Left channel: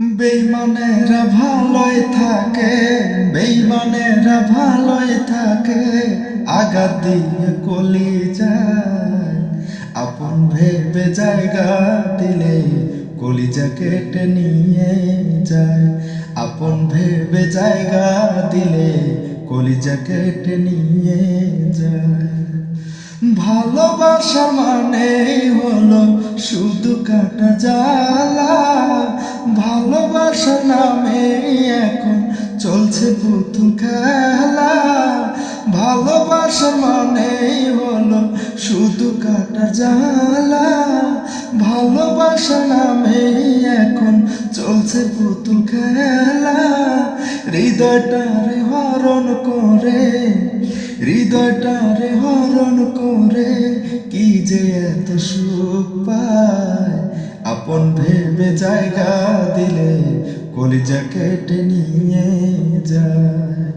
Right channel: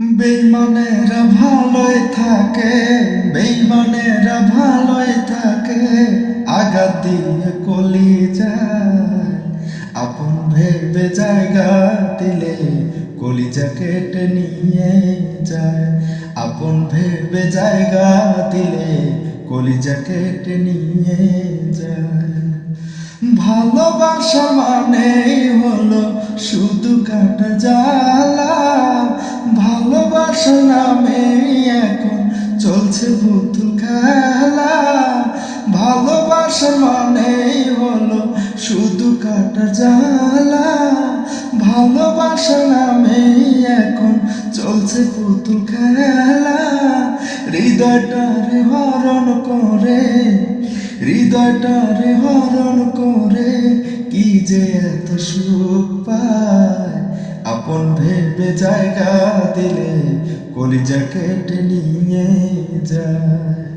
বেঈমানেরা ভালোই থাকে, বেঈমানেরা ভালোই থাকে, আঘাত দিয়ে কলি যায়। আপন ভেবে জায়গা দিলে কলিজা কেটে নিয়ে যায়। আপন ভেবে জায়গা দিলে কলিজা কেটে নিয়ে যায়। ভালোবাসার মানেই হলো শুধু কাটা জ্বালা। ভালোবাসার নামে এখন চলছে পুতুল খেলা। ভালোবাসার মানেই হলো শুধু কাটার জ্বালা। ভালোবাসার নামে এখন চলছে পুতুল খেলা। হৃদয়টারে হরণ করে, হৃদয়টারে হরণ করে, কি যে এত সুখ পায়। আপন ভেবে জায়গা দিলে কলিজা কেটে নিয়ে যায়।